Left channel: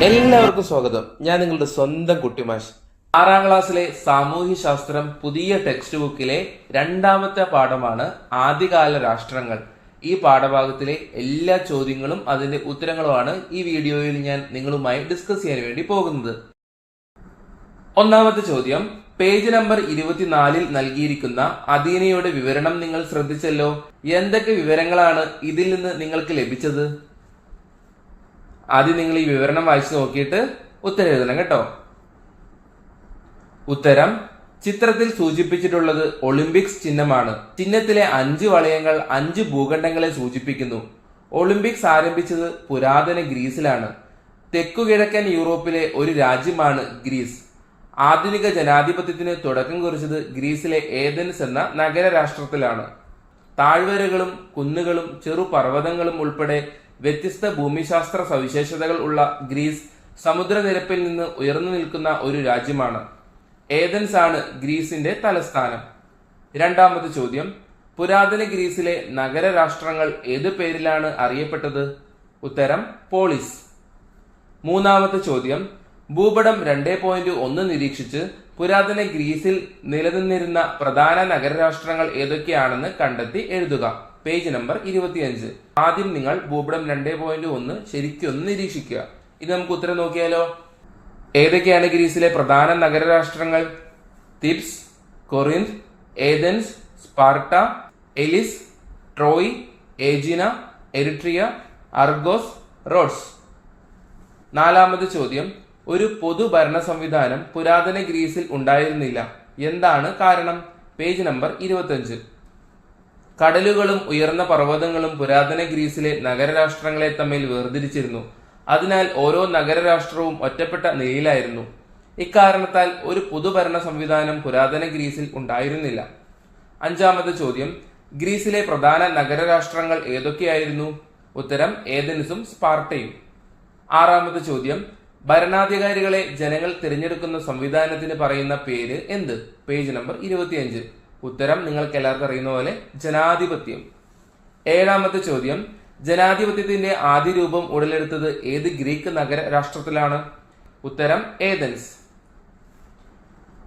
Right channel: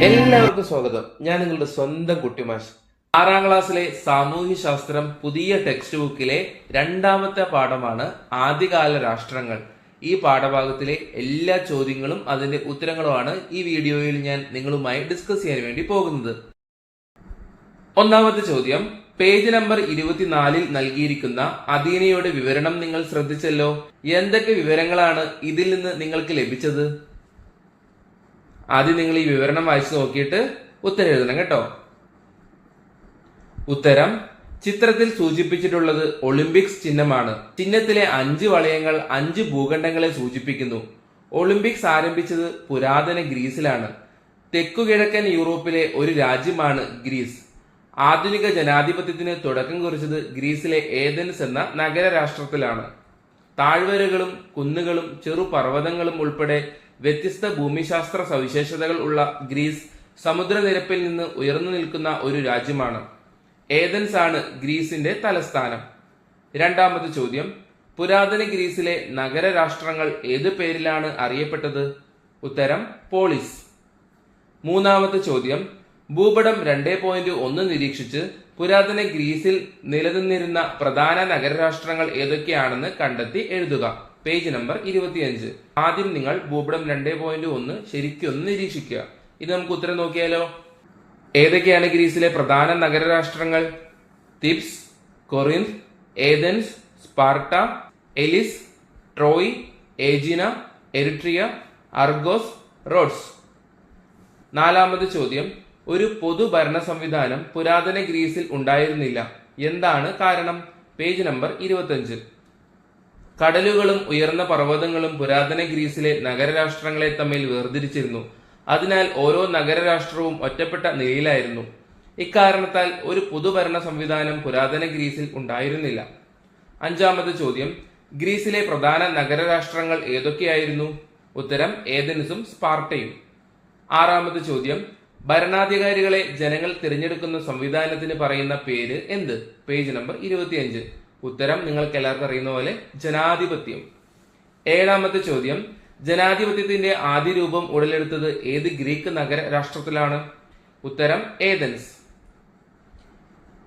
എല്ലാവർക്കും സ്വാഗതം. ഞാൻ നിങ്ങളുടെ സ്വന്തം കുട്ടിമാഷ് ആറാം ക്ലാസ്സിലെ സാമൂഹ്യ ശാസ്ത്രം പുതിയ ടെക്സ്റ്റ് ബുക്കിലെ രണ്ടാമത്തെ പാഠമാണ് ആദ്യകാല രാഷ്ട്രങ്ങൾ. ഈ പാഠഭാഗത്തിലെ എല്ലാ ചോദ്യങ്ങളും അതിന്റെ ഉത്തരങ്ങളുമാണ് ഈ വീഡിയോയിൽ ഞാൻ നിങ്ങളുമായി ഡിസ്കസ് ചെയ്യാൻ വേണ്ടി പോകുന്നത്. ഒന്നാമത്തെ ചോദ്യം പേജ് നമ്പർ ഇരുപത്തിനാലിൽ നൽകിയിരിക്കുന്ന അദീനയുടെ വിവരണം നിങ്ങൾ ശ്രദ്ധിച്ചല്ലോ? എന്തൊക്കെ വിവരങ്ങളാണ് ഇതിൽ നിന്ന് നിങ്ങൾക്ക് ലഭിച്ചത്? ആദ്യം നിങ്ങൾ ഈ വിവരണം വായിച്ചു നോക്കിയിട്ട് ഉത്തരം എഴുതണം കേട്ടോ. ഉത്തരം ചിത്രത്തിൽ സൂചിപ്പിച്ചിട്ടുള്ളത് ഒളിമ്പിക്സ് ചിഹ്നമാണ്. ചിഹ്നത്തിലെ അഞ്ച് വളയങ്ങൾ അഞ്ച് ഭൂഖണ്ഡങ്ങളെ സൂചിപ്പിക്കുന്നു. ഒളിമ്പിക്സ് ആരംഭിച്ചത് പുരാതന ഗ്രീസിലാണ്. തെക്കുകിഴക്കൻ യൂറോപ്പിലെ ഒരു രാജ്യമാണ് ഗ്രീസ്. ആധുനിക ജനാധിപത്യത്തിന് തുടക്കം കുറിച്ചത് ഗ്രീസിലെ ഏതൻസ് എന്ന നഗരരാഷ്ട്രത്തിലാണ്. താഴ്വരകളും കുന്നുകളും ചെറു പർവതങ്ങളും ഉൾപ്പെടെ വ്യത്യസ്ത ഭൂമിശാസ്ത്ര സവിശേഷതകൾ ഉള്ള ഗ്രീസ് സമുദ്രനിരപ്പിൽ നിന്ന് ഉയർന്നു നിൽക്കുന്ന ഒരു രാജ്യമാണ്. ഏതൻസ് ആണ് ഗ്രീസിന്റെ തലസ്ഥാനം. രണ്ടാമത് ചോദ്യം. പുരാതന ഗ്രീസിലെ നഗര രാഷ്ട്രങ്ങൾ ഏതു പേരിലാണ് അറിയപ്പെട്ടത്? ഉത്തരം പോളിസ്. മൂന്നാമത്തെ ചോദ്യം. ഭൂപടം രണ്ടേ പോയിന്റ് ഒന്ന് നിരീക്ഷിച്ച് പുരാതന ഗ്രീസിൽ നിലനിന്നിരുന്ന പ്രധാന നഗരരാഷ്ട്രങ്ങൾ ഏതൊക്കെയാണെന്ന് കണ്ടെത്തി എഴുതുക. പേജ് നമ്പർ ഇരുപത്തിയഞ്ച്. ആദ്യം നിങ്ങൾ ഭൂപടം രണ്ടേ പോയിന്റ് ഒന്ന് ശരിക്കൊന്ന് നിരീക്ഷിക്കുക. ഇത് നമുക്ക് ഉത്തരം നോക്കിയാലോ? ഏതൊക്കെയാണ് ഗ്രീസിലെ പ്രധാന നഗരരാഷ്ട്രങ്ങൾ Thebes Corinth Athens Sparta Elis Troy Aegina Eretria Argos Rhodes. നാലാമത് ചോദ്യം. ഒരു പൊതുഭരണ സംവിധാനം പുരാതന ഗ്രീസിൽ ഉണ്ടായിരുന്നില്ല. എന്താണ് കാരണം? പേജ് നമ്പർ ഇരുപത്തഞ്ച് കടലുകളും ഉയർന്ന പർവതങ്ങളും പുരാതന ഗ്രീസിലെ നഗരരാഷ്ട്രങ്ങളെ തമ്മിൽ വേർതിരിച്ചിരുന്നു. അതിനാൽ ഓരോ നഗരരാഷ്ട്രവും ഒറ്റപ്പെട്ട നിലയിലായിരുന്നു. ഇക്കാരണത്താൽ ഒരു പൊതുഭരണ സംവിധാനം പുരാതന ഗ്രീസിൽ ഉണ്ടായിരുന്നില്ല. അഞ്ചാമത് ചോദ്യം. ഗ്രീസിലെ പ്രധാന നഗരരാഷ്ട്രങ്ങൾ ഏതൊക്കെയായിരുന്നു? ഉത്തരം ഏതൻസും സ്പാർട്ടയും. ആറാമത് ചോദ്യം. ഭരണാധികാരികളെ ജനങ്ങൾ തിരഞ്ഞെടുക്കുന്ന സംവിധാനത്തിന് പറയുന്ന പേര് എന്ത്? പേജ് നമ്പർ ഇരുപത്തിയഞ്ച്. ഉത്തരം നിങ്ങൾക്ക് എല്ലാവർക്കും അറിയുന്ന പോലെ ജനാധിപത്യം. ഏഴാമത്തെ ചോദ്യം ജനാധിപത്യത്തിന്റെ ആദ്യ രൂപം ഉടലെടുത്തത് ഏത് ഗ്രീക്ക് നഗര രാഷ്ട്രത്തിലാണ്? ഉത്തരം ഏതൻസ്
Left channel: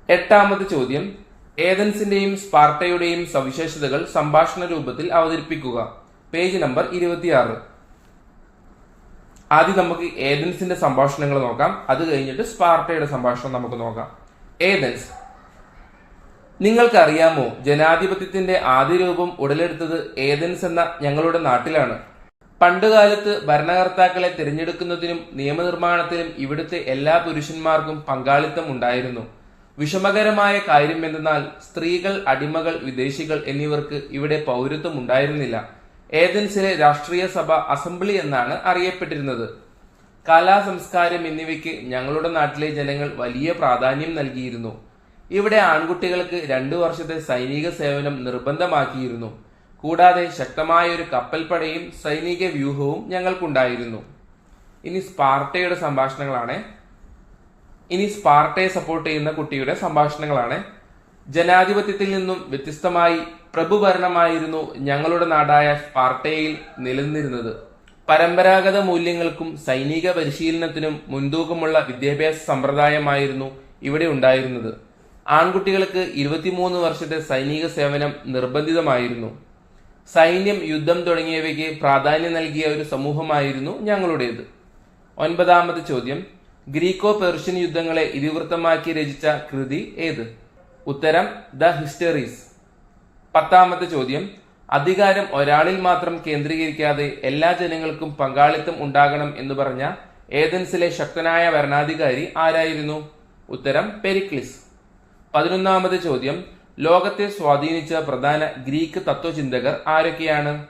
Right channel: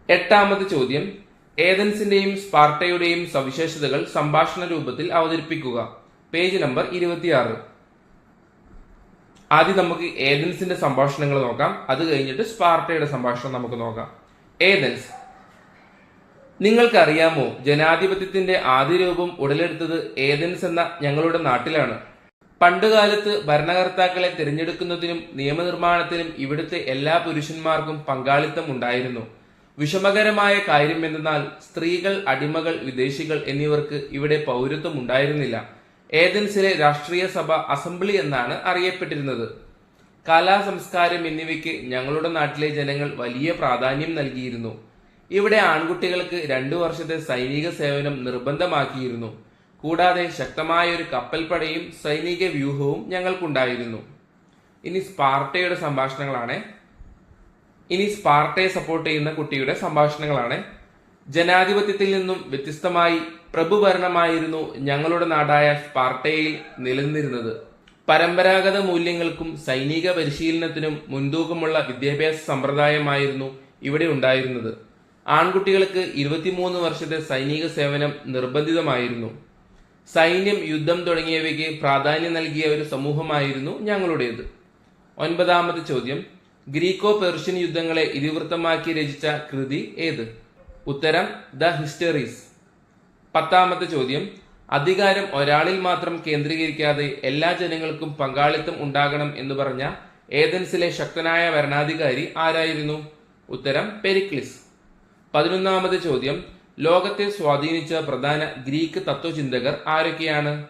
എട്ടാമത്തെ ചോദ്യം ഏതൻസിന്റെയും സ്പാർട്ടയുടെയും സവിശേഷതകൾ സംഭാഷണ രൂപത്തിൽ അവതരിപ്പിക്കുക. പേജ് നമ്പർ ഇരുപത്തിയാറ്. ആദ്യം നമുക്ക് ഏതൻസിന്റെ സംഭാഷണങ്ങൾ നോക്കാം. അത് കഴിഞ്ഞിട്ട് സ്പാർട്ടയുടെ സംഭാഷണം നമുക്ക് നോക്കാം. ഏതൻസ് നിങ്ങൾക്കറിയാമോ ജനാധിപത്യത്തിന്റെ ആദ്യ രൂപം ഉടലെടുത്തത് ഏതൻസ് എന്ന ഞങ്ങളുടെ നാട്ടിലാണ്. പണ്ടുകാലത്ത് ഭരണകർത്താക്കളെ തിരഞ്ഞെടുക്കുന്നതിനും നിയമനിർമ്മാണത്തിനും ഇവിടുത്തെ എല്ലാ പുരുഷന്മാർക്കും പങ്കാളിത്തം ഉണ്ടായിരുന്നു. വിഷമകരമായ കാര്യം എന്തെന്നാൽ സ്ത്രീകൾ അടിമകൾ വിദേശികൾ എന്നിവർക്ക് ഇവിടെ പൗരത്വം ഉണ്ടായിരുന്നില്ല. ഏതൻസിലെ രാഷ്ട്രീയ സഭ അസംബ്ലി എന്നാണ് അറിയപ്പെട്ടിരുന്നത്. കലാ സംസ്കാരം എന്നിവയ്ക്ക് ഞങ്ങളുടെ നാട്ടിലെ ജനങ്ങൾ വലിയ പ്രാധാന്യം നൽകിയിരുന്നു. ഇവിടെ ആൺകുട്ടികൾക്ക് രണ്ടു വർഷത്തെ സൈനിക സേവനം നിർബന്ധമാക്കിയിരുന്നു. കൂടാതെ ശക്തമായ ഒരു കപ്പൽപ്പടയും സൈനിക വ്യൂഹവും ഞങ്ങൾക്കുണ്ടായിരുന്നു. ഇനി സ്പാർട്ടയുടെ സംഭാഷണങ്ങളാണ്. ഇനി സ്പാർട്ടയെ സപ്പോർട്ട് ചെയ്യുന്ന കുട്ടിയുടെ സംഭാഷണങ്ങളാണ്. ജനാധിപത്യത്തിൽ നിന്നും വ്യത്യസ്തമായി പ്രഭുഭരണമായിരുന്നു ഞങ്ങളുടെ നാടായ സ്പാർട്ടയിൽ നിലനിന്നിരുന്നത്. പരമ്പരാഗത മൂല്യങ്ങൾക്കും സൈനിക പരിശീലനത്തിനും മുൻതൂക്കമുള്ള വിദ്യാഭ്യാസ സമ്പ്രദായമായിരുന്നു ഇവിടെ ഉണ്ടായിരുന്നത്. ആൺകുട്ടികൾക്ക് ഇരുപത്തിമൂന്ന് വർഷത്തെ സൈനിക സേവനം നിർബന്ധിതമായിരുന്നു. സൈന്യം യുദ്ധം തുടങ്ങിയവയ്ക്ക് പ്രാധാന്യം നൽകിയ ഒരു സമൂഹമായിരുന്നു ഞങ്ങളുടേത്. ഒൻപതാമത് ചോദ്യം. ഗ്രീക്കോ പെർഷ്യൻ യുദ്ധങ്ങളെ ഇതിവൃത്തമാക്കി രചിച്ച കൃതി ഏത്? ഉത്തരം ദ ഹിസ്റ്ററീസ്. പത്താമത്തെ ചോദ്യം. അധികാരം ഒരാളിൽ മാത്രം കേന്ദ്രീകരിക്കാതെ എല്ലാ ജനങ്ങൾക്കും പങ്കാളിത്തം ഉണ്ടാകണം എന്ന് പറഞ്ഞ ഏതൻസിലെ ശക്തനായ ഭരണാധികാരി ആരായിരുന്നു? ഉത്തരം പെരിക്ലിസ്. പതിനൊന്നാമത് ചോദ്യം. ലോകത്തെ സ്വാധീനിച്ച പ്രധാന ഗ്രീക്ക് തത്വചിന്തകർ ആരൊക്കെയാണ്?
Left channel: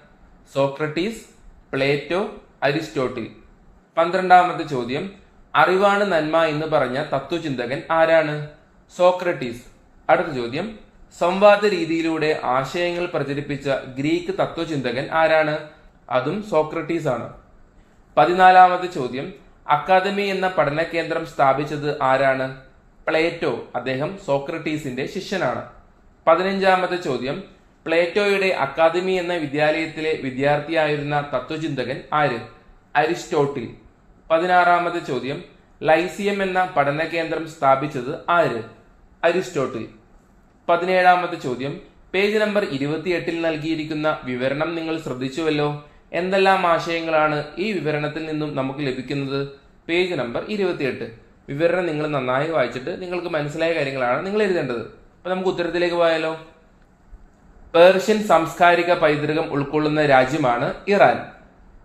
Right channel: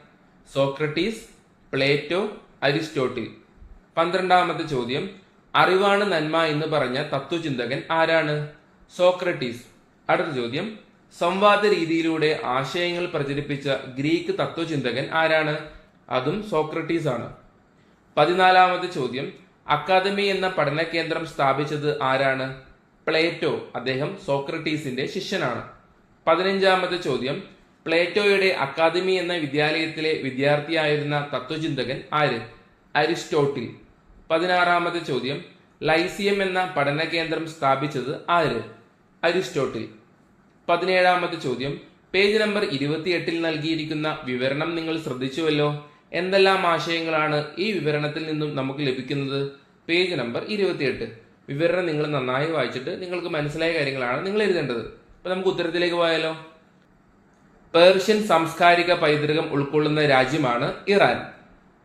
Socrates Plato Aristotle. പന്ത്രണ്ടാമത് ചോദ്യം. അറിവാണ് നന്മ എന്ന് പറഞ്ഞ തത്വചിന്തകൻ ആരാണ്? സോക്രട്ടീസ്. അടുത്ത ചോദ്യം. സംവാദ രീതിയിലൂടെ ആശയങ്ങൾ പ്രചരിപ്പിച്ച ഗ്രീക്ക് തത്വചിന്തകൻ ആരാണ്? അതും സോക്രട്ടീസ് ആണ്. പതിനാലാമത് ചോദ്യം. അക്കാദമി എന്ന പഠന കേന്ദ്രം സ്ഥാപിച്ചത് ആരാണ്? പ്ലേറ്റോ അദ്ദേഹം സോക്രട്ടീസിന്റെ ശിഷ്യനാണ്. പതിനഞ്ചാമത്തെ ചോദ്യം പ്ലേറ്റോയുടെ അക്കാദമി എന്ന വിദ്യാലയത്തിലെ വിദ്യാർത്ഥിയായിരുന്ന തത്വചിന്തകൻ ആര്? അരിസ്റ്റോട്ടിൽ. പതിനാറാമത്തെ ചോദ്യം ലൈസിയം എന്ന പഠന കേന്ദ്രം സ്ഥാപിച്ചത് ആര്? അരിസ്റ്റോട്ടിൽ. പതിനേഴാമത്തെ ചോദ്യം പേജ് നമ്പർ ഇരുപത്തിയെട്ടിൽ നൽകിയിരിക്കുന്ന വിവരണം നിങ്ങൾ ശ്രദ്ധിച്ചുവല്ലോ? എന്തെല്ലാം ആശയങ്ങളാണ് ഈ വിവരണത്തിൽ നിന്നും നമുക്ക് ലഭിക്കുന്നത്? പേജ് നമ്പർ ഇരുപത്തിയെട്ട്. വിവരണം നിങ്ങൾ നന്നായി വായിച്ചിട്ട് നിങ്ങൾക്ക് മനസ്സിലായ കാര്യങ്ങളാണ് നിങ്ങൾ എഴുതേണ്ടത്. അപ്പൊ നമുക്ക് ഉത്തരത്തിലേക്ക് പോയാലോ? പേർഷ്യൻ സാംസ്കാരിക പൈതൃകം ഉൾക്കൊള്ളുന്ന രാജ്യമാണ് ഇറാൻ.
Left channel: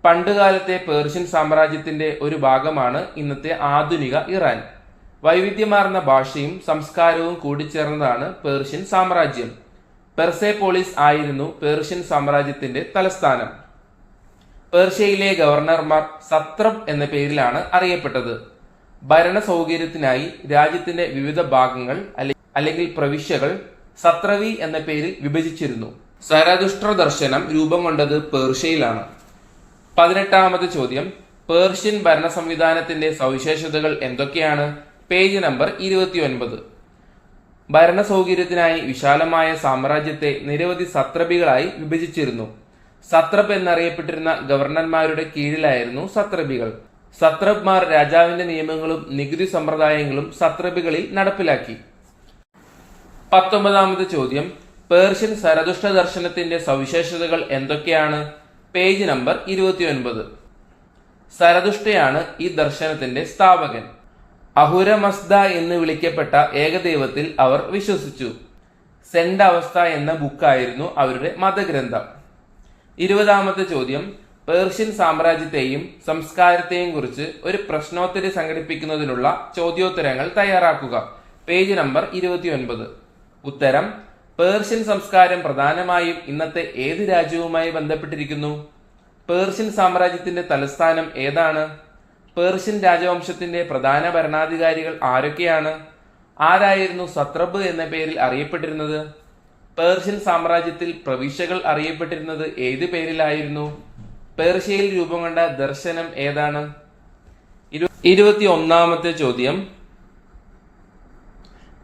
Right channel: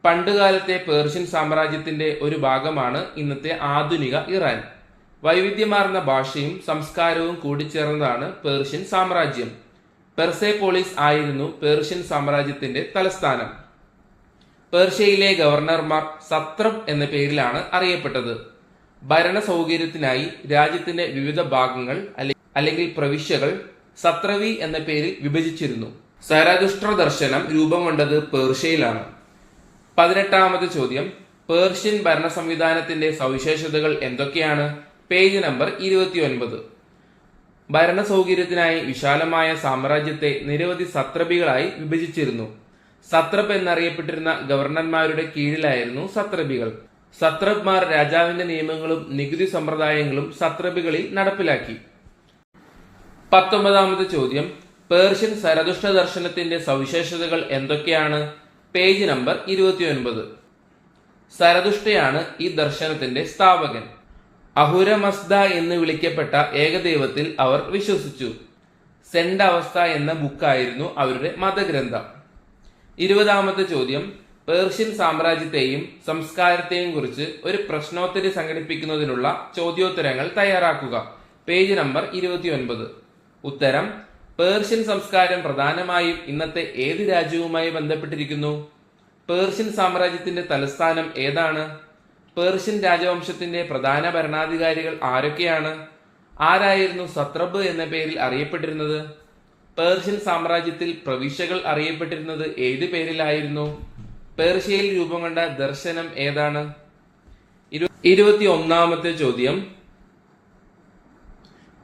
പണ്ടുകാലത്തെ പേർഷ്യൻ സാമ്രാജ്യത്തിന്റെ ഒരു ഭാഗമാണ് ഇന്നത്തെ ആധുനിക ഇറാൻ. വൈവിധ്യമാർന്ന ഭാഷയും സംസ്കാരവും കൂടിച്ചേർന്നതാണ് പേർഷ്യൻ സാമ്രാജ്യം. പെർസെപോളിസ് ആയിരുന്നു പേർഷ്യൻ സാമ്രാജ്യത്തിന്റെ തലസ്ഥാനം. പേർഷ്യയിലെ ഗവർണർമാർ സത്രം എന്ന പേരിലാണ് അറിയപ്പെട്ടത്. ഭരണ സൗകര്യത്തിനായി രാജ്യത്തിന്റെ വിവിധ ഭാഗങ്ങൾ അല്ലെ- അല്ലെങ്കിൽ പ്രവിശ്യകൾ സത്രവി എന്ന പേരിൽ വിഭജിച്ചിരുന്നു. സരദുഷ്ട്ര ദർശനം രൂപം കൊണ്ടത് പേർഷ്യയിലാണ്. പതിനെട്ടാമത്തെ ചോദ്യം. പേർഷ്യൻ ഭരണ സംവിധാനത്തിന്റെ സവിശേഷതകൾ എന്തൊക്കെയാണ്? പേജ് നമ്പർ ഇരുപത്തിയൊൻപത്. ഭരണ സൗകര്യത്തിനായി വിശാലമായ സാമ്രാജ്യത്തെ നിരവധി സത്രപികളായി വിഭജിച്ചിരുന്നു. സത്രപ് എന്നറിയപ്പെട്ടിരുന്ന ഗവർണർമാരുടെ കീഴിലായിരുന്നു സത്രപികൾ സത്രപ്മാർ രാജാവിന്റെ നിയമങ്ങളും നികുതി സമ്പ്രദായങ്ങളും സത്രബികളിൽ നടപ്പിലാക്കി. പത്തൊമ്പതാമത് ചോദ്യം. പേർഷ്യൻ സരതുഷ്ട ദർശനത്തിന്റെ സവിശേഷതകൾ എന്തൊക്കെയാണ്? പേജ് നമ്പർ ഇരുപത്തിയൊൻപത്. സരതുഷ്ടയാണ് ഈ ദർശനത്തിന്റെ സ്ഥാപകൻ. അഹുരമസ്ദ എന്ന് വിളിക്കപ്പെട്ട ഏകദൈവത്തിൽ അവർ വിശ്വസിച്ചു. സെൻഡ് അവസ്ഥ എന്ന ബുക്കായിരുന്നു അവരുടെ മതഗ്രന്ഥം. ഇരുപതാമത്തെ ചോദ്യം. പേർഷ്യൻ സാമ്രാജ്യത്തെയും സംസ്കാരത്തെയും കുറിച്ച് ഒരു പ്രശ്നോത്തരി സംഘടിപ്പിക്കുന്നതിനുള്ള ചോദ്യോത്തരങ്ങൾ തയ്യാറാക്കുക. പേജ് നമ്പർ ഇരുപത്തിയൊൻപത്. ഉത്തരം പേർഷ്യൻ സംസ്കാരം പ്രധാനമായും ഇന്നത്തെ ഏത് രാജ്യവുമായി ബന്ധപ്പെട്ടിരിക്കുന്നു? പേർഷ്യൻ സാമ്രാജ്യത്തിന്റെ തലസ്ഥാനം ഏതാണ്? പേർഷ്യൻ രാജവംശത്തിന്റെ പ്രധാന ഭരണാധികാരികൾ ആരൊക്കെയാണ്? ആരായിരുന്നു സത്രബ് എന്ന പേരിൽ അറിയപ്പെട്ടിരുന്നത്? പേർഷ്യൻ സാമ്രാജ്യത്തിൽ പ്രവിശ്യകൾ അറിയപ്പെട്ടിരുന്നത് ഏത് പേരിലായിരുന്നു? പേർഷ്യയിൽ രൂപം കൊണ്ട ദർശനം ഏതാണ്? ഇരുപത്തി ഒന്നാമത്തെ ചോദ്യം.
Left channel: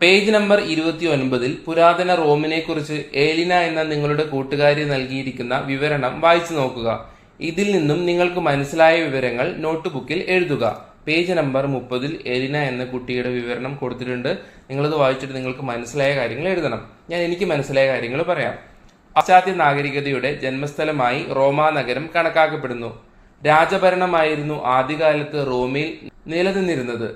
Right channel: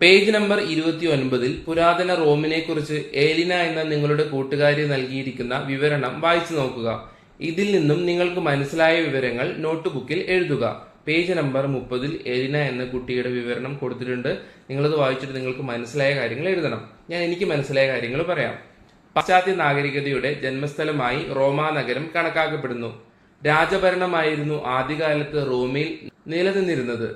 പേജ് നമ്പർ ഇരുപത്തി ഒൻപതിൽ പുരാതന റോമിനെ കുറിച്ച് ഏലിന എന്ന നിങ്ങളുടെ കൂട്ടുകാരി നൽകിയിരിക്കുന്ന വിവരണം വായിച്ചു നോക്കുക. ഇതിൽ നിന്നും നിങ്ങൾക്ക് മനസ്സിലായ വിവരങ്ങൾ നോട്ട് ബുക്കിൽ എഴുതുക. പേജ് നമ്പർ മുപ്പതിൽ എലിന എന്ന കുട്ടിയുടെ വിവരണം കൊടുത്തിട്ടുണ്ട്. നിങ്ങളത് വായിച്ചിട്ട് നിങ്ങൾക്ക് മനസ്സിലായ കാര്യങ്ങൾ എഴുതണം. ഞാൻ എനിക്ക് മനസ്സിലായ കാര്യങ്ങൾ പറയാം. പാശ്ചാത്യ നാഗരികതയുടെ ജന്മസ്ഥലമായി റോമാ നഗരം കണക്കാക്കപ്പെടുന്നു. രാജഭരണമായിരുന്നു ആദ്യകാലത്ത് റോമിൽ നിലനിന്നിരുന്നത്.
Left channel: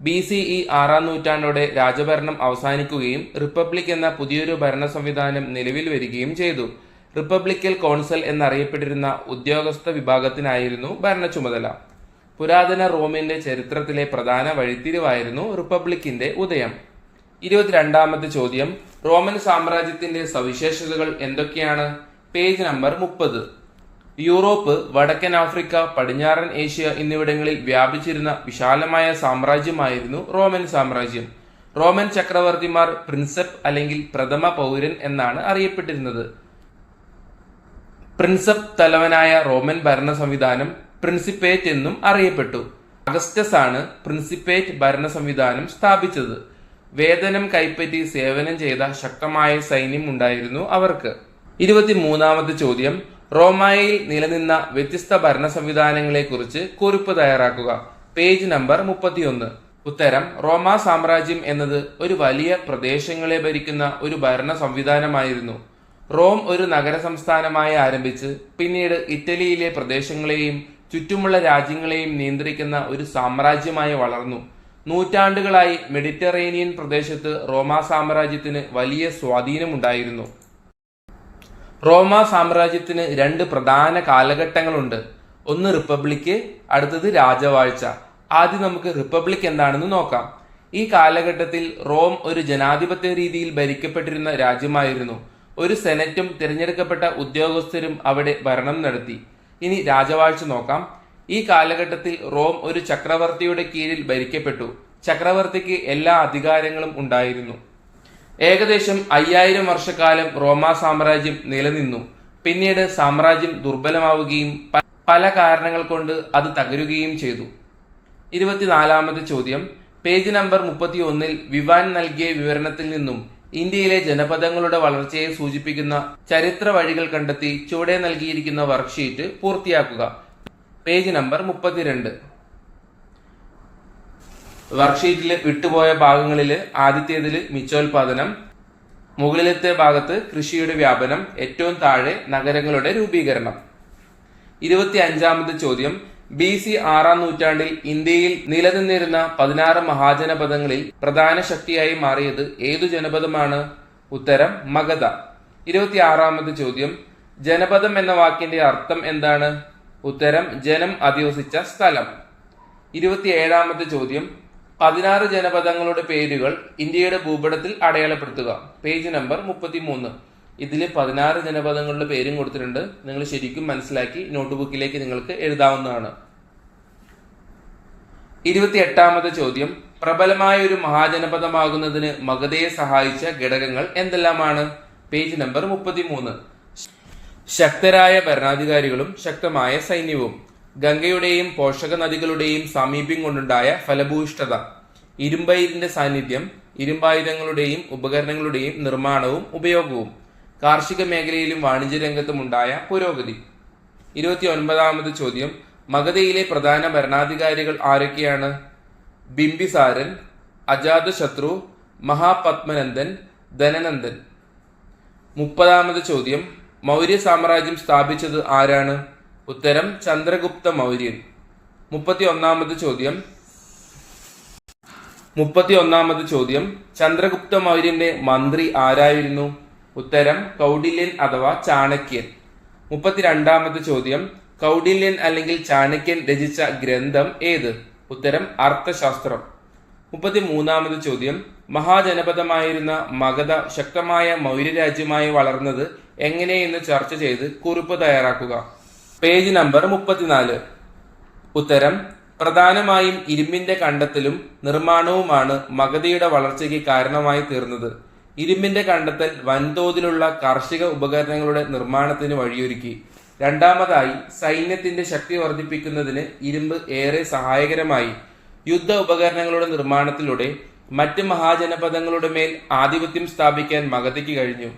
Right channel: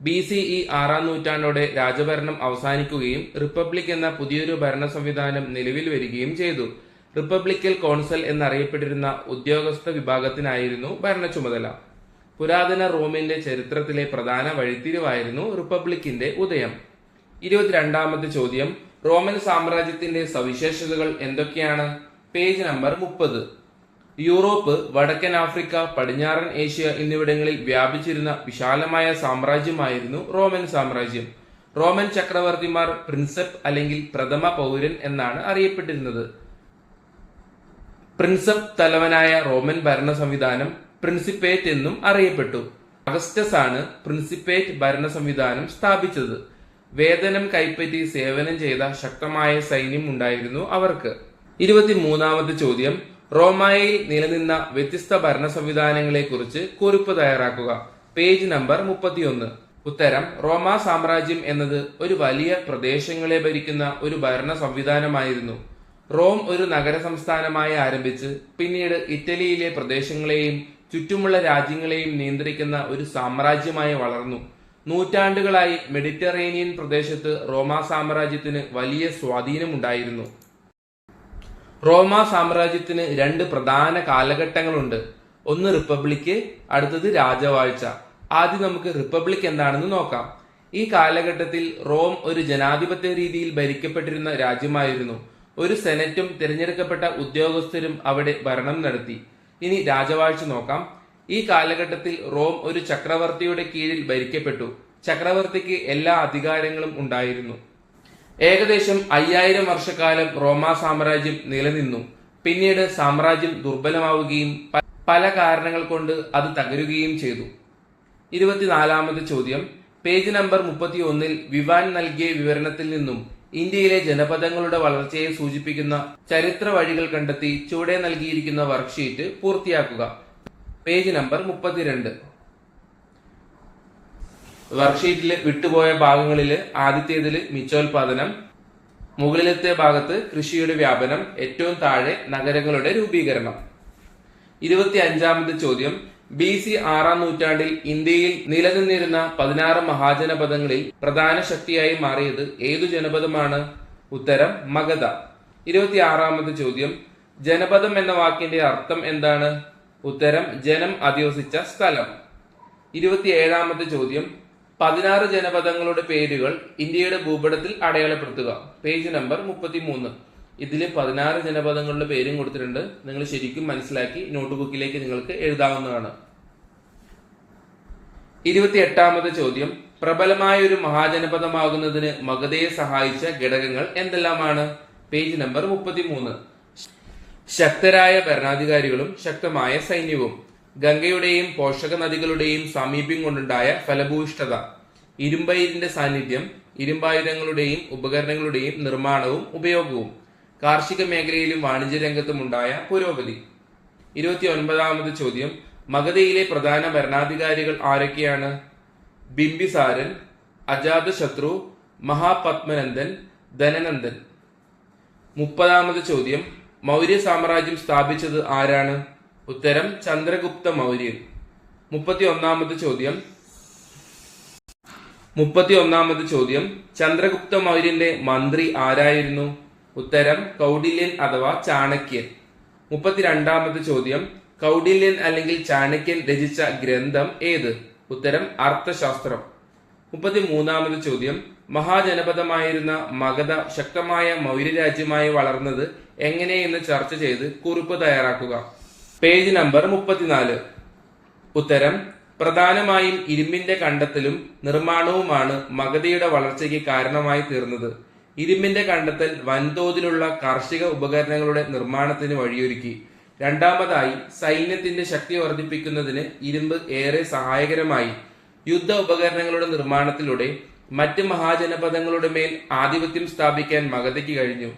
ബി സി ഇ ആറാം നൂറ്റാണ്ടോടെ രാജഭരണം അവസാനിക്കുകയും റിപ്പബ്ലിക് എന്ന പുതിയൊരു ഭരണ സംവിധാനം നിലവിൽ വരികയും ചെയ്തു. റിപ്പബ്ലിക്കൽ കോൺസൽ എന്നറിയപ്പെട്ടിരുന്ന ഉദ്യോഗസ്ഥ വിഭാഗത്തിനായിരുന്നു ഭരണ ചുമതല. പുരാതന റോമിന്റെ ചരിത്രത്തിലെ പ്രധാന വഴിത്തിരിവായിരുന്നു റിപ്പബ്ലിക്കിന്റെ ഉദയം. ഇരുപത്തിരണ്ടാമത്തെ ചോദ്യം. റോമൻ സാമ്രാജ്യത്തിന്റെ സവിശേഷതകൾ എന്തൊക്കെയാണ്? പേജ് നമ്പർ മുപ്പത്. യൂറോപ്പ് വടക്കൻ ആഫ്രിക്ക പടിഞ്ഞാറൻ ഏഷ്യ എന്നിവിടങ്ങളിൽ വ്യാപിച്ചിരുന്ന വിശാലമായ സാമ്രാജ്യമായിരുന്നു റോമൻ സാമ്രാജ്യം. റോമൻ ചക്രവർത്തിമാർ പ്രിൻസപ്പ് അല്ലെങ്കിൽ പ്രഥമ പൗരൻ എന്നാണ് അറിയപ്പെട്ടിരുന്നത്. പ്രിൻസപ്പ് തലവനായ റോമൻ ഭരണ സംവിധാനം പ്രിൻസിപ്പേറ്റ് എന്നും അറിയപ്പെട്ടു. അഗസ്റ്റസ് ആണ് പ്രിൻസിപ്പേറ്റ് ഭരണ സംവിധാനം സ്ഥാപിച്ചത്. വേതനം കൈപ്പറ്റി സേവനം ചെയ്ത ശക്തമായ സൈന്യം ഉണ്ടായിരുന്നു അവർക്ക്. ഇരുപത്തിമൂന്നാമത്തെ ചോദ്യം റോമായിൽ നിലനിന്ന വ്യത്യസ്ത ഭരണ സംവിധാനങ്ങളെ കുറിച്ച് കുറിപ്പ് തയ്യാറാക്കുക. പേജ് നമ്പർ മുപ്പത്തിയൊന്ന്. ഉത്തരം റോമാ സാമ്രാജ്യം എന്നത് ഒരു വലിയ പ്രദേശങ്ങളെ ഭരിക്കുന്ന ഒരു ഭരണ സംവിധാനമായിരുന്നു. റോം ഒരു നഗര സംസ്ഥാനമായി ആരംഭിച്ച് പിന്നീട് ഇറ്റലിയിലെ പ്രദേശങ്ങളെയും ചുറ്റുമുള്ള രാജ്യങ്ങളെയും നിയന്ത്രിക്കുന്ന ഒരു സാമ്രാജ്യമായി വളർന്നു. നൂറ്റാണ്ടുകളായി മെഡിറ്ററേനിയൻ പ്രദേശത്ത് റോമാ സാമ്രാജ്യത്തിന് വലിയ സ്വാധീനമുണ്ടായിരുന്നു. റോമാ സാമ്രാജ്യത്തിന് രണ്ട് പ്രധാന കാലഘട്ടങ്ങളുണ്ട്. ഒന്ന് റിപ്പബ്ലിക്ക് അടുത്തത് രാജവാഴ്ച. ആദ്യം നമുക്ക് റിപ്പബ്ലിക് എന്താണെന്ന് നോക്കാം. ഈ കാലഘട്ടത്തിൽ റോം ഒരു ജനാധിപത്യ രീതിയിൽ ഭരിക്കപ്പെട്ടിരുന്ന രാജ്യമായിരുന്നു. ഒരു സെനറ്റും തിരഞ്ഞെടുക്കപ്പെട്ട ഉദ്യോഗസ്ഥരും അവിടെ ഭരണം നടത്തി. ഇനി രാജവാഴ്ച നോക്കാം. ഈ കാലഘട്ടത്തിൽ റോം ഒരു ചക്രവർത്തിയുടെ കീഴിൽ ഭരിക്കപ്പെട്ടു. ചക്രവർത്തിക്ക് എല്ലാ അധികാരങ്ങളും ഉണ്ടായിരുന്നു. ഏകദേശം അയ്യായിരം വർഷക്കാലം റോമാ സാമ്രാജ്യം നിലനിന്നു. പിന്നീട് സാമ്രാജ്യം ദുർബലമാവുകയും പല കാരണങ്ങൾ കൊണ്ട് അത് തകരുകയും ചെയ്തു. ഇരുപത്തിനാലാമത് ചോദ്യം. പേജ് നമ്പർ മുപ്പത്തി ഒന്നിൽ വിവാൻ നൽകിയ വിവരണത്തിൽ നിന്നും ഇന്ത്യയിലെ ജനപദങ്ങളുടെ വളർച്ചയെ സൂചിപ്പിക്കുന്ന ചരിത്ര വഴികൾ കണ്ടെത്തി ചുവടെ നൽകിയിരിക്കുന്ന വർക്ക്ഷീറ്റ് പൂർത്തിയാക്കുക. പേജ് നമ്പർ മുപ്പത്തിരണ്ട്. വർക്ക്ഷീറ്റിൽ വിട്ടുപോയ ഭാഗങ്ങളിൽ ആദ്യത്തേതിൽ മിച്ചോൽപാദനം മുകളിലത്തെ ഭാഗത്ത് കൃഷിയുടെ വ്യാപനം ഏറ്റവും താഴെ നഗരങ്ങളുടെ രൂപീകരണം. ഇരുപത്തി അഞ്ചാമത് ചോദ്യം. ബി സി ആറാം നൂറ്റാണ്ടിൽ ഇന്ത്യയിൽ നിലനിന്നിരുന്ന പതിനാറ് മഹാജനപദങ്ങളിൽ പ്രധാന ശക്തിയായി മാറിയത് ഏതു ജനപദമാണ്? ഉത്തരം മഗധ. ഇരുപത്തി ആറാമത് ചോദ്യം. ജനപദം എന്ന വാക്കിന്റെ അർത്ഥം എന്താണ്? ഉത്തരം ജനം അധിവസിച്ച സ്ഥലം. ഇരുപത്തിയേഴാമത്തെ ചോദ്യം. പതിനാറ് ജനപദങ്ങളുടെ പേരുകൾ ഇന്ത്യയുടെ ഭൂപടത്തിൽ അടയാളപ്പെടുത്തുക. പേജ് നമ്പർ മുപ്പത്തിമൂന്ന്. ഇതിൽ പതിനാറ് ജനപദങ്ങളുടെ പേരും കൊടുത്തിട്ടുണ്ട്. നിങ്ങൾ ശരിക്കും മനസ്സിലാക്കി നോട്ട്ബുക്കിലേക്ക് നിങ്ങൾക്ക് എഴുതാവുന്നതാണ്. ഇരുപത്തിയെട്ടാമത് ചോദ്യം. പ്രബലമായ ഒരു മഹാജനപദമാകുന്നതിന് മഗധയെ സഹായിച്ച ഘടകങ്ങൾ എന്തെല്ലാമാണ്? പേജ് നമ്പർ മുപ്പത്തിമൂന്ന്. ശക്തരായ ഭരണാധികാരികളും ശക്തമായ സൈന്യവും ഗംഗയുടെയും പോഷക നദികളുടെയും സാമീപ്യം കൊണ്ടുണ്ടായ ഫലഭൂയിഷ്ഠത ഇരുമ്പയിരിന്റെ സാന്നിധ്യം ഇരുമ്പായുധങ്ങളുടെയും ഉപകരണങ്ങളുടെയും നിർമ്മാണവും ഉപയോഗവും കാർഷിക മേഖലയിലും വാണിജ്യ രംഗത്തും ഉണ്ടായ പുരോഗതി. ഇരുപത്തി ഒൻപതാമത് ചോദ്യം മഗധയിലെ പ്രധാന ഭരണാധികാരികൾ ആരൊക്കെയാണ്? ബിംബിസാരൻ അജാതശത്രു മഹാപത്മനന്ദൻ ധനനന്ദൻ. മുപ്പതാമത് ചോദ്യം മൗര്യ സാമ്രാജ്യം സ്ഥാപിച്ചത് ആരാണ്? ഉത്തരം ചന്ദ്രഗുപ്ത മൗര്യൻ. മുപ്പത്തി ഒന്നാമത് ചോദ്യം. മുപ്പത്തി ഒന്നാമത് ചോദ്യം. ചന്ദ്രഗുപ്ത മൗര്യന്റെ മന്ത്രി ആരായിരുന്നു? ഉത്തരം കൗഡില്യൻ അഥവാ ചാണക്യൻ. മുപ്പത്തിരണ്ടാമത് ചോദ്യം. കൗഡില്യൻ അല്ലെങ്കിൽ ചാണക്യൻ രചിച്ച ഗ്രന്ഥം ഏത്? ഉത്തരം അർത്ഥശാസ്ത്രം. മുപ്പത്തി മൂന്നാമത് ചോദ്യം. മഹാജനപദമായിരുന്ന മഗധ ശക്തമായ മൗര്യരാജ്യമായി വളർന്നത് എങ്ങനെയെന്ന് ചർച്ച ചെയ്ത് കുറിപ്പ് തയ്യാറാക്കുക. പേജ് നമ്പർ മുപ്പത്തിനാല്. ഉത്തരം പ്രധാനമായും ഇരുമ്പിന്റെ കണ്ടെത്തലും നിർമ്മാണവുമാണ് മഗധയുടെ വളർച്ചയ്ക്ക് കാരണമായി തീർന്നത്. ഇരുമ്പിന്റെ കണ്ടെത്തൽ വൻതോതിലുള്ള കാർഷിക ഉപകരണങ്ങളുടെ നിർമ്മാണത്തിന് വഴിയൊരുക്കി. രണ്ടാമതായി സൈന്യത്തിന്റെ ശക്തി വർദ്ധിപ്പിക്കുന്നതിന് ഇരുമ്പ് ഏറെ സഹായകരമായി. യുദ്ധ ഉപകരണങ്ങളുടെ നിർമ്മാണത്തിലൂടെ മറ്റ് മഹാജനപദങ്ങളുടെ മേൽ ആധിപത്യം സ്ഥാപിക്കാൻ മഗധയ്ക്ക് കഴിഞ്ഞു.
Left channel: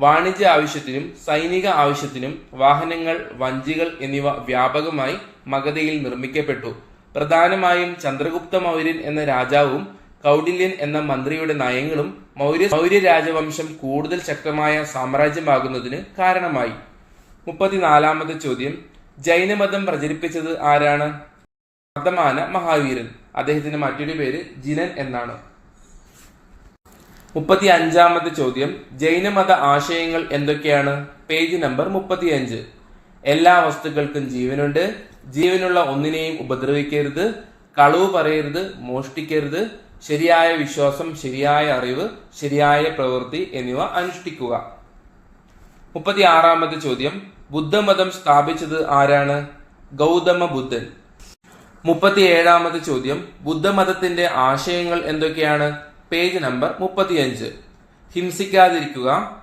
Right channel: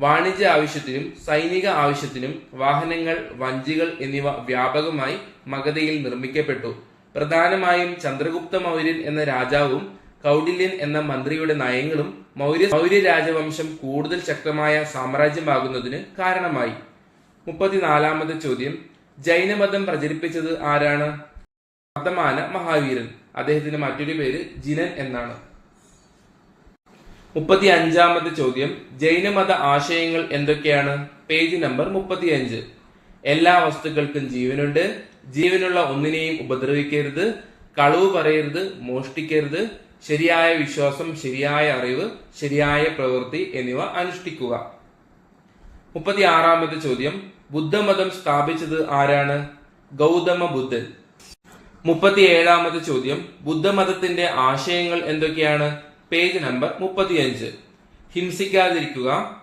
വാണിജ്യ ആവശ്യത്തിനും സൈനിക ആവശ്യത്തിനും വാഹനങ്ങൾ വഞ്ചികൾ എന്നിവ വ്യാപകമായി മഗധയിൽ നിർമ്മിക്കപ്പെട്ടു. പ്രധാനമായും ചന്ദ്രഗുപ്ത മൗര്യൻ എന്ന രാജാവും കൗഡില്യൻ എന്ന മന്ത്രിയുടെ നയങ്ങളും മൗര്യ മൗര്യ രാജവംശം കൂടുതൽ ശക്തമായ സാമ്രാജ്യമാകുന്നതിന് കാരണമായി. മുപ്പത്തിനാലാമത്തെ ചോദ്യം. ജൈനമതം പ്രചരിപ്പിച്ചത് ആരാണ്? വർദ്ധമാന മഹാവീരൻ. അദ്ദേഹത്തിന്റെ മറ്റൊരു പേര് ജിനൻ എന്നാണ്. മുപ്പത്തി അഞ്ചാമത്തെ ചോദ്യം. ജൈനമത ആശയങ്ങൾ എന്തൊക്കെയാണ്? പേജ് നമ്പർ മുപ്പത്തിയഞ്ച്. എല്ലാ വസ്തുക്കൾക്കും ജീവനുണ്ട്. ജീവനുള്ള ഒന്നിനെയും ഉപദ്രവിക്കരുത്. കളവ് പറയരുത്. മോഷ്ടിക്കരുത്. ശരിയായ വിശ്വാസം ശരിയായ അറിവ് ശരിയായ പ്രവൃത്തി എന്നിവ അനുഷ്ഠിക്കുക. മുപ്പത്തി ആറാമത്തെ ചോദ്യം. ബുദ്ധമതം സ്ഥാപിച്ചത് ആരാണ്? ഗൗതമ ബുദ്ധൻ. മുപ്പത്തി ഏഴാമത്തെ ചോദ്യം. ബുദ്ധമതത്തിന്റെ ആശയങ്ങൾ എന്തൊക്കെയാണ്? പേജ് നമ്പർ മുപ്പത്തിയഞ്ച്. ഹിംസിക്കാതിരിക്കുക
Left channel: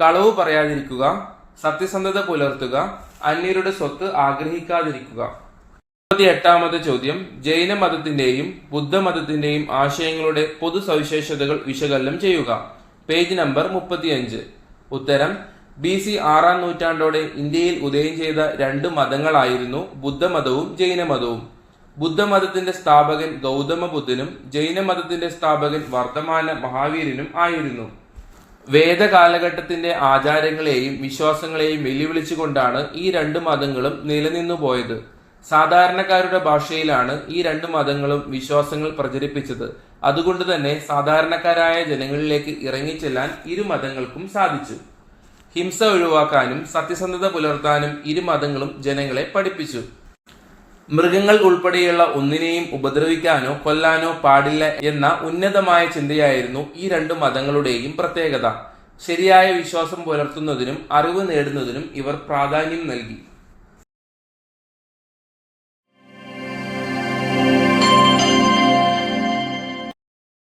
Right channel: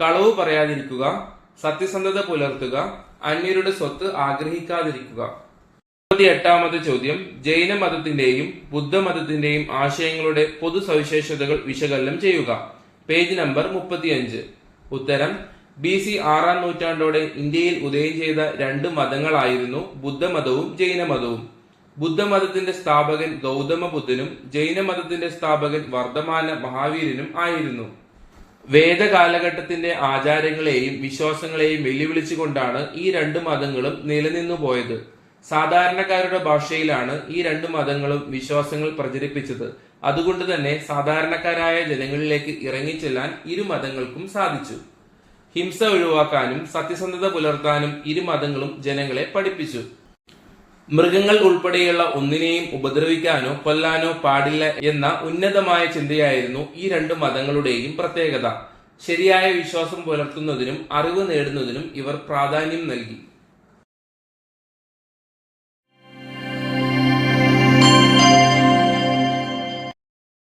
കളവ് പറയാതിരിക്കുക സത്യസന്ധത പുലർത്തുക അന്യരുടെ സ്വത്ത് ആഗ്രഹിക്കാതിരിക്കുക. മുപ്പത്തി എട്ടാമത്തെ ചോദ്യം ജൈന മതത്തിന്റെയും ബുദ്ധമതത്തിന്റെയും ആശയങ്ങളുടെ പൊതു സവിശേഷതകൾ വിശകലനം ചെയ്യുക. പേജ് നമ്പർ മുപ്പത്തിയഞ്ച്. ഉത്തരം ബി സി ആറാം നൂറ്റാണ്ടോടെ ഇന്ത്യയിൽ ഉദയം ചെയ്ത രണ്ട് മതങ്ങളായിരുന്നു ബുദ്ധമതവും ജൈനമതവും. ബുദ്ധമതത്തിന്റെ സ്ഥാപകൻ ഗൗതമ ബുദ്ധനും ജൈനമതത്തിന്റെ സ്ഥാപകൻ വർദ്ധമാന മഹാവീരനും ആയിരുന്നു. വേദകാലഘട്ടത്തിന്റെ ആചാരങ്ങളെയും വിശ്വാസങ്ങളെയും വെല്ലുവിളിച്ചുകൊണ്ടാണ് ഈ രണ്ട് മതങ്ങളും നിലനിന്നു പോയത് സാധാരണക്കാരുടെ ഭാഷയിലാണ് ഈ രണ്ട് മതങ്ങളും വിശ്വാസങ്ങൾ പ്രചരിപ്പിച്ചത്. അതുകൊണ്ട് തന്നെ സാധാരണക്കാരായ ജനങ്ങളിലേക്ക് ഇറങ്ങിച്ചെല്ലാൻ ഇരു മതങ്ങൾക്കും സാധിച്ചു. ഹിംസ ഒഴിവാക്കാനും സത്യസന്ധത പുലർത്താനും ഇരു മതങ്ങളും ജനങ്ങളെ പഠിപ്പിച്ചു. മൃഗങ്ങൾ ഉൾപ്പെടെയുള്ള ഒന്നിനെയും ഉപദ്രവിക്കാനോ കൊല്ലാനോ പാടില്ല എന്ന ഉന്നതമായ ചിന്തയായിരുന്നു ഈ രണ്ട് മതങ്ങളുടെയും പ്രത്യേകത. ശരിയായ വിശ്വാസം പുലർത്തുന്നതിനും അറിവ് നേടുന്നതിനും ഇവർ പ്രാധാന്യം നൽകി.